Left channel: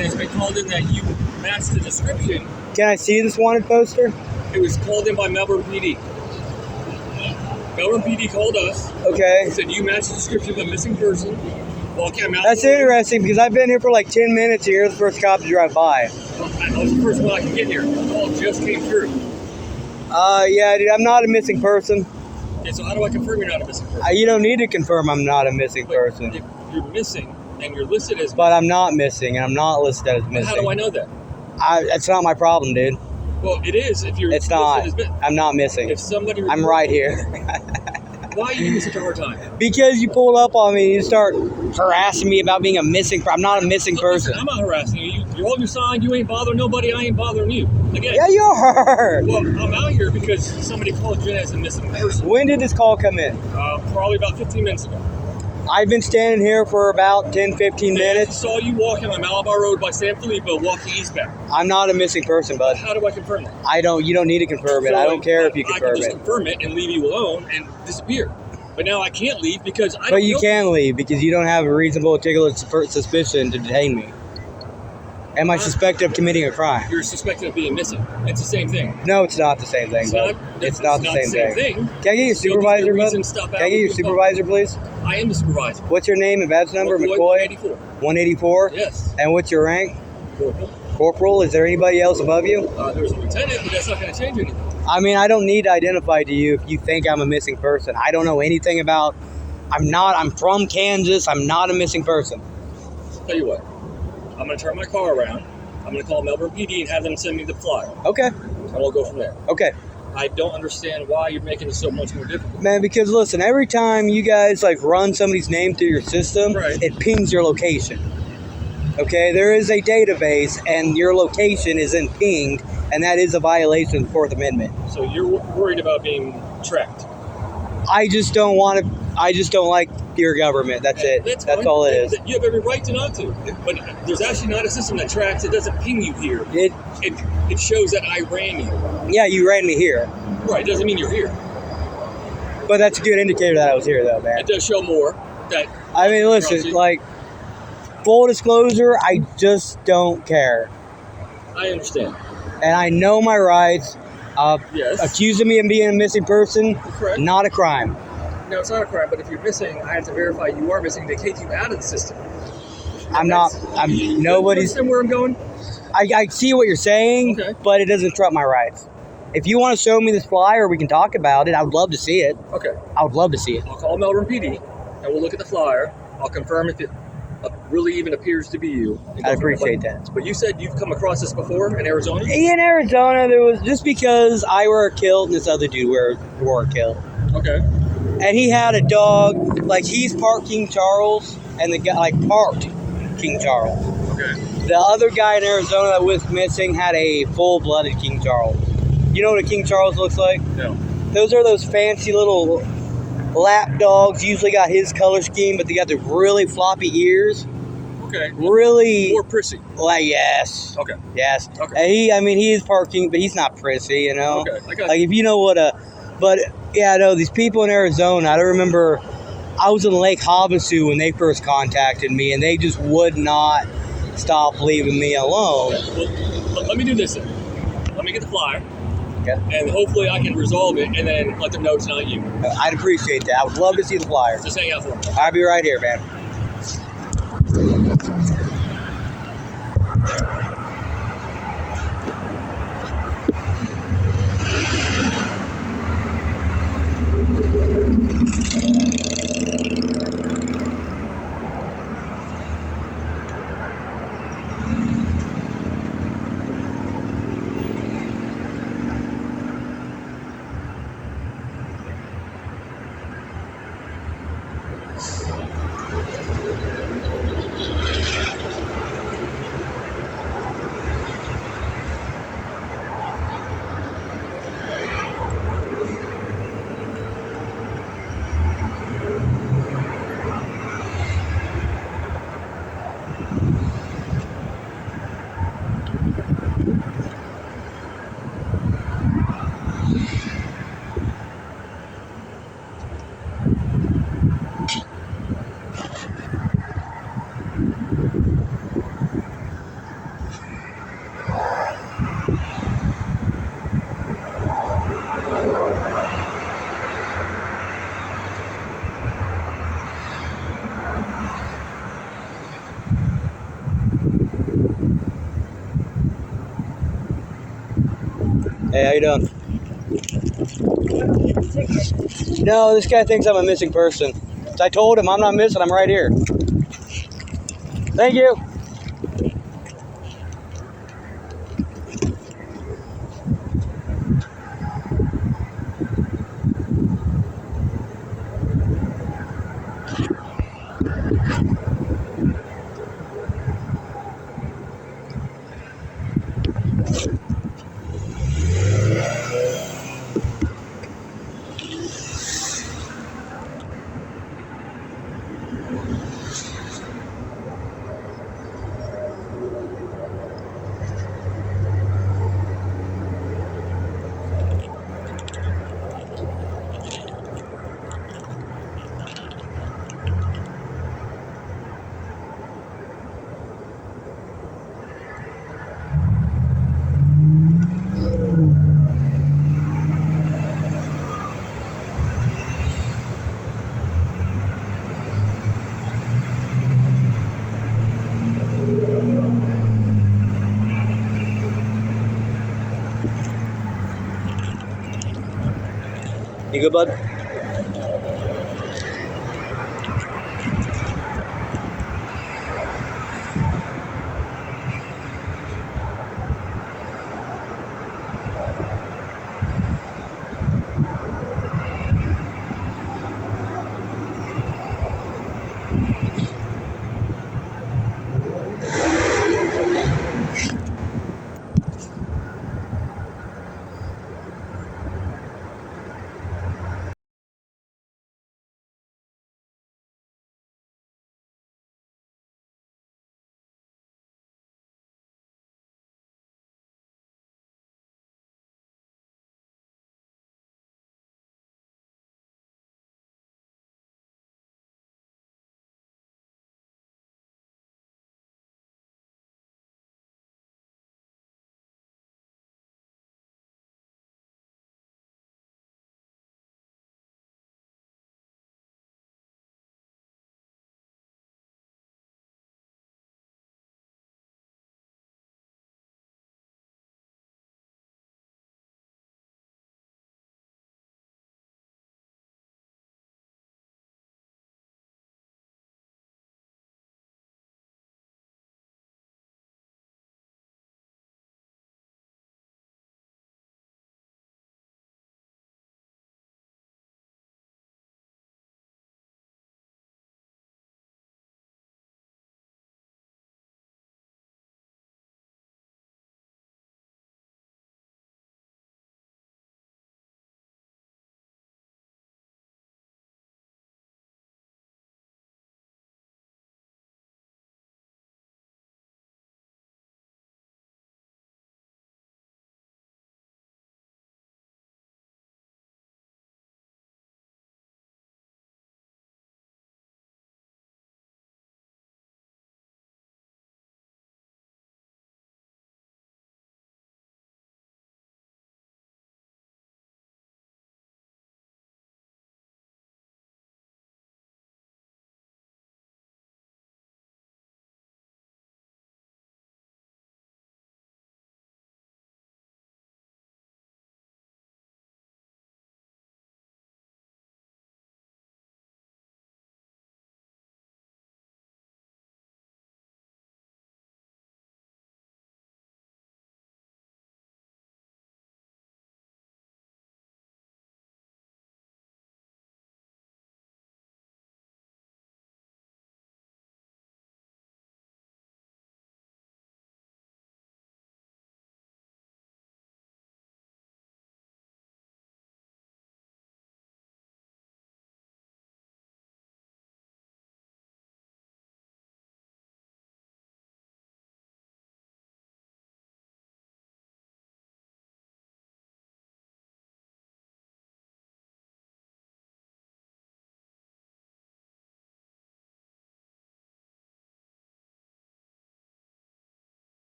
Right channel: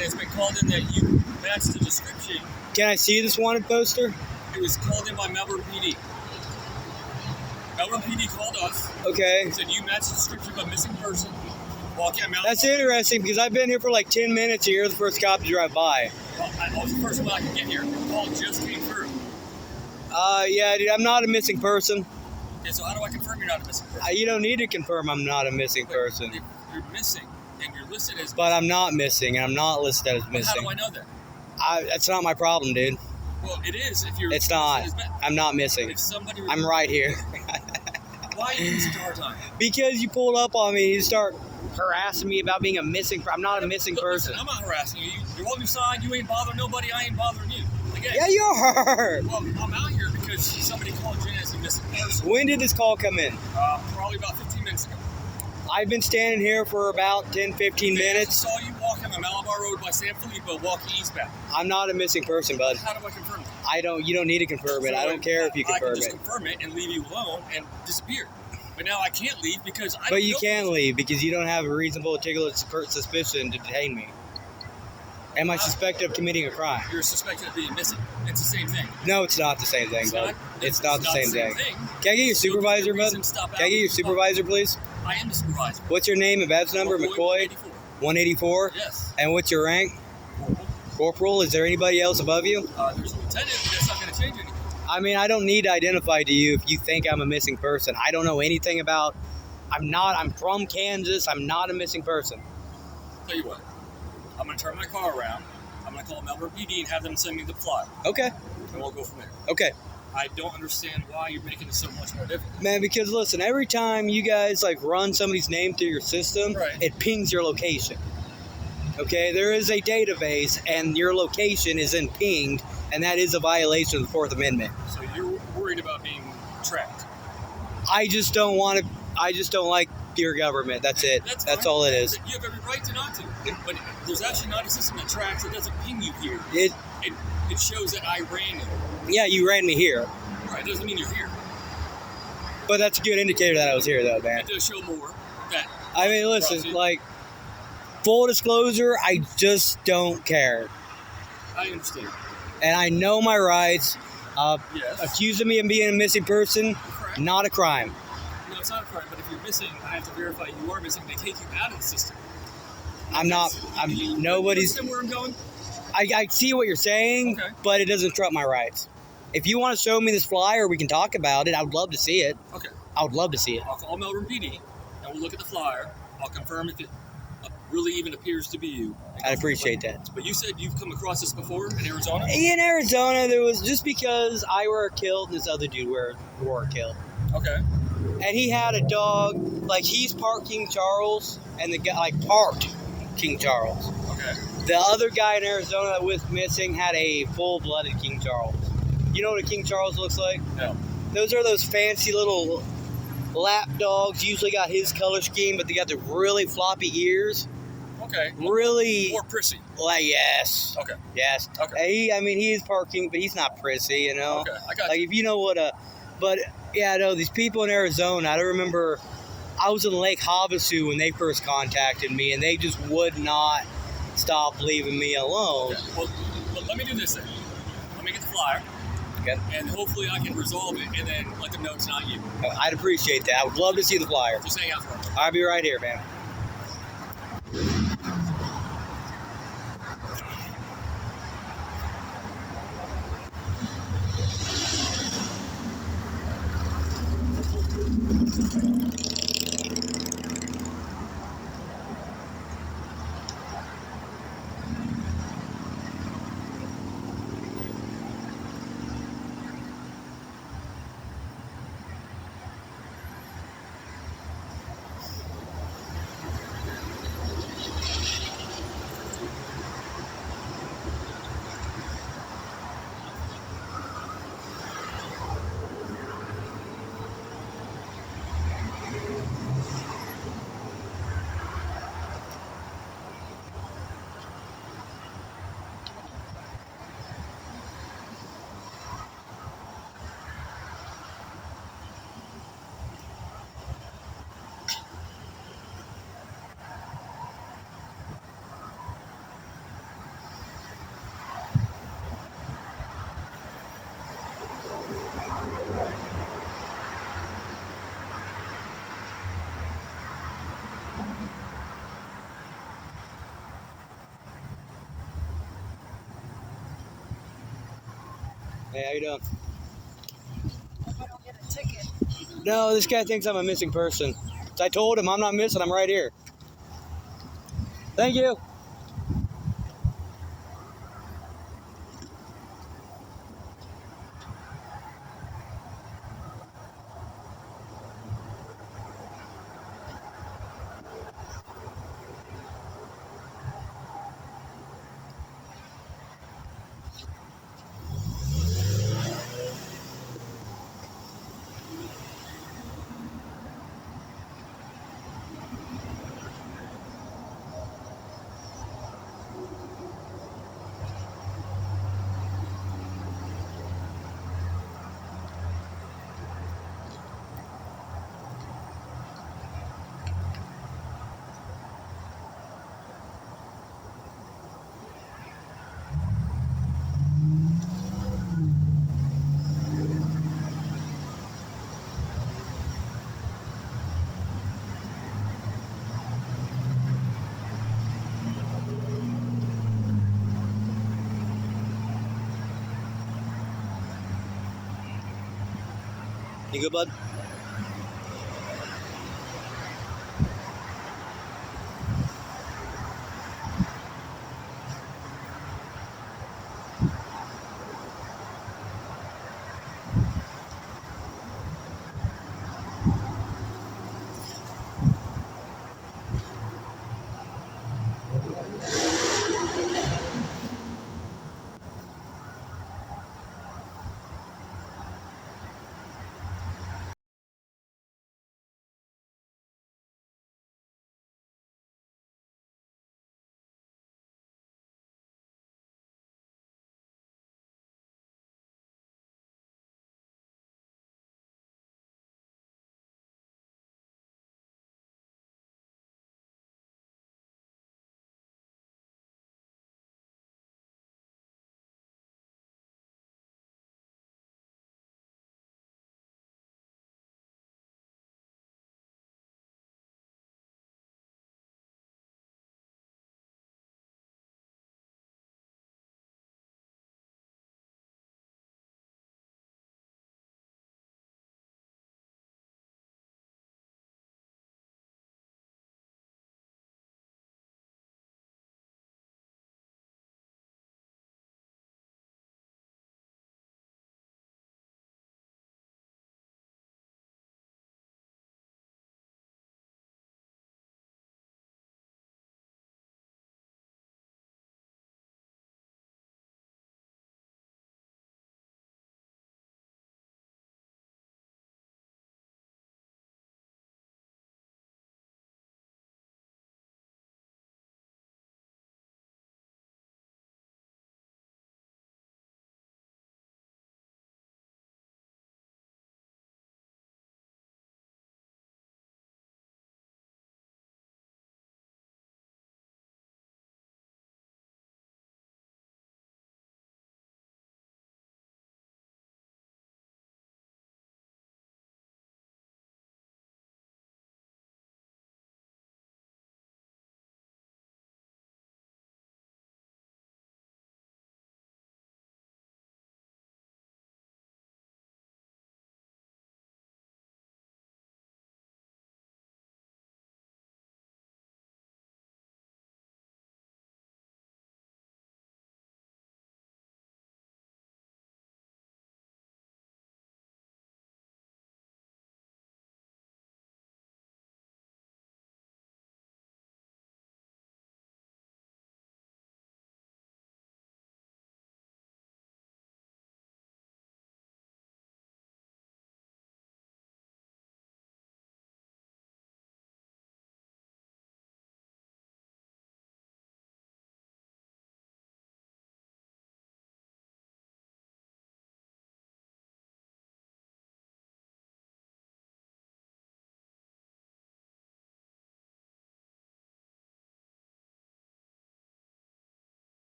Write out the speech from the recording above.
and it's been called in that you matched the description. Can I see this wanted poster? It was called in by Melbourne PD. Melbourne PD called us. Okay. He said you matched the description of a missing person. Walking out. That's interesting because I've been here for like 10 minutes and you're the first cop to drive by. I was the first one I could get here. The call just came through. Yeah, dude, I'm not a missing person. Okay, so how do I confirm you're not a missing person? You don't need to confirm I'm not a missing person. If you're missing and you're listed as... But I'm not missing, and I'm not listed as missing. How do I know that? It's not my problem, dude. Well, it is if you're... It's not. I'm not missing. If somebody... I'm right here. Why are you giving me such a hard time? Because you pulled up on me and you start harassing me about being a missing person. I'm not a missing person. Listen, I'm not harassing you. You're holding your sign. You ain't bothering nobody. I ain't bothering you. Again. Yeah, you are. Well, I'm out here because somebody called Jen as a missing person. When did this call come in? Probably about 15 minutes ago. I've been standing here for about 10, 15 minutes. I saw you walking on Malabar Road by San Filippo walking eastbound. I'm not a missing person, bud. How do I confirm that? You don't need to confirm it. I don't care if you confirm it. I can just confirm it and leave you alone and disappear. But now I can't leave because I don't know. But you can leave because you don't have a reasonable articulate suspicion to detain me. Am I suspected of committing a crime? You're suspected of being missing. It's the same thing. No, it's not the same thing. It's not the same thing. Can I get your supervisor, bud? Can I get your supervisor, please? I am the supervisor. What's your name and badge number? McCoy? 184. 184? Yes. And what's your rank? Corporal. Corporal? Is there anybody else above you? There's a lieutenant, but that's not going to change anything. I mean, I don't need to identify to you if you think I'm a missing person. I don't know anything about... I'm from Kansas. I'm not a missing person. Tell you what. I'm going to turn my car around. I'm going to call Melbourne PD and have them send me the flyer. Okay. And we'll go from there. Okay. I don't understand why you're making it so much more difficult. Man, because listen, every time you guys run somebody's name through your system, right, it pings your location. Okay? There is a database and your location isn't pinged, and that is a violation of the Fourth Amendment. So you're worried about being tracked? I just don't like your government. That's it. That's all it is. You have every right to not to. But there's actually not a system that tracks. It doesn't ping you here. It shows that I ran you. Yeah, you ran me here. Right. It doesn't mean you're here. But that's a good indicator that I was here, though, man. It does show more. I mean, listen, full disclosure, I just don't care. I understand. And I know my rights. Yes. Accusing me of being a missing person, correct, not a crime. No, it's not a crime, but if you're missing, I have to verify you are missing to take you out of the system. Nobody's... Understand where I'm going? I see what you're saying, okay, but it doesn't trump my rights. If you want to show me this flyer, we can talk about it. I would love to see it. Okay. I would love to see it. I'll call Melbourne PD, and we'll look at the flyer. I'll confirm if it really even appears to be you. I appreciate that. But you said you've come across this before in Arizona? In Arizona, there was just because I were killed and this other dude were killed. Okay. And he had a dog, he's parked King Charles, and the guy, parked King Charles. Okay. The other guy in Arizona that was missing had a full-blooded King Charles. You know what a King Charles looks like? No. Those are those fancy little lap dogs. Usually got his color scheme, but they got the really floppy ears. Okay. Really... More prissy. Yes. Okay. Yes. Okay. And he is parking, but he's not prissy, you know? Okay, I got you. If you know what a... But, yeah, no, these people in Arizona, I don't remember... I was in Lake Havasu when they first contacted me, and they just would not stop leaving me alone. Okay. Well, let me do this then. Let me get the flyer. Okay. And hopefully I can resolve it and then let them know it's not you. I'd appreciate that. I would love to see the flyer. Just hang out for me. I'll be right here, man. Hey, how you doing? I don't get the ticket. No, this guy thinks I'm a missing person. So I told him I'm not missing, I'm right here. Thank you. You good, bud?